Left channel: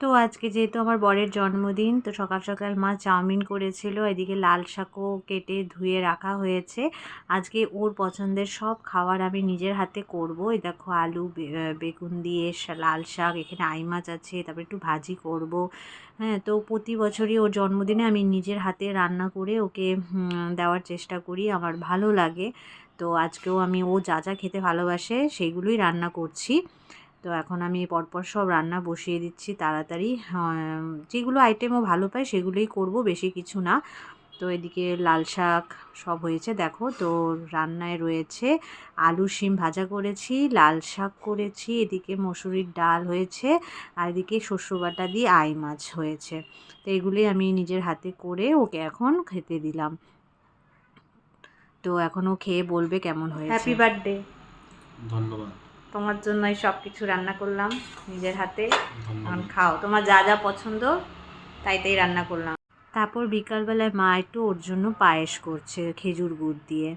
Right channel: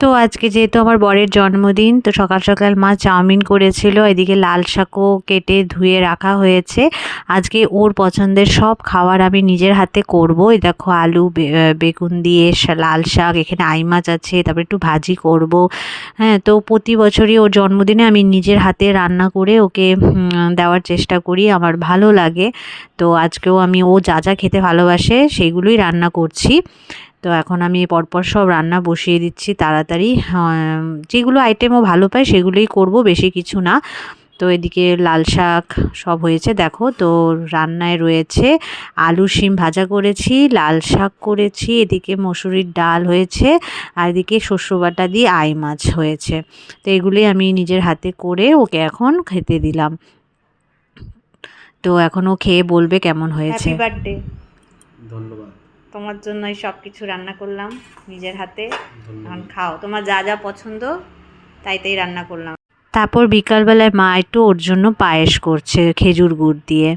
তো আজকে যেহেতু আমার বরের জন্মদিন, তো সকাল সকাল মা চাউমিন করেছিল, এদিকে লাল শাকও কেটে ধুয়ে রাখা হয়েছে। আজকে ওর পছন্দের সব খাবার আমি নিজের হাতে করব। এই দেখো আলু বেগুন দিয়ে লাল শাক, এখানে আই মাছ আছে, তারপরে একটু ভাজি করব। হ্যাঁ, তো প্রতি বছরই ওর জন্মদিনে আমি নিজের হাতে রান্না করে ওকে দেওয়ার চেষ্টা করি, আমার ভালো লাগে। তো আজকেও আমি ও যা যা খেতে ভালোবাসে সেগুলোই রান্না করছি। তো এখন আমি পরপর সব রান্না বসিয়ে দিচ্ছি তাড়াতাড়ি। যেগুলো আইটেম ও ভালো পায় সেগুলোই করব, বেশি কিছু না। তো এদিকে লাল শাক সব হয়েছে দেখো। তো রান্নায় রয়েছে আলু শিম ভাজা করেছি, লাল শাক করেছি, এদিকে মসুরির ডাল হয়েছে, আর এদিকে শস্য বাটা দিয়ে আই মাছ হয়েছে। তো এগুলি আমি নিজের হাতে করে ওকে এখন খেতে দিলাম। তো এখন ও খেয়ে বলবে কেমন হয়েছে। Happy birthday. ধন্যবাদ। তোমার জন্যই সব কিছু রান্না করলাম নিজের হাতে। এখন খাও, তোমার যা যা পছন্দ তাই তাই রান্না করলাম। তারপর বিকালবেলায় মা একটু ওর জন্য পায়েস করছে খেজুর গুড় দিয়ে।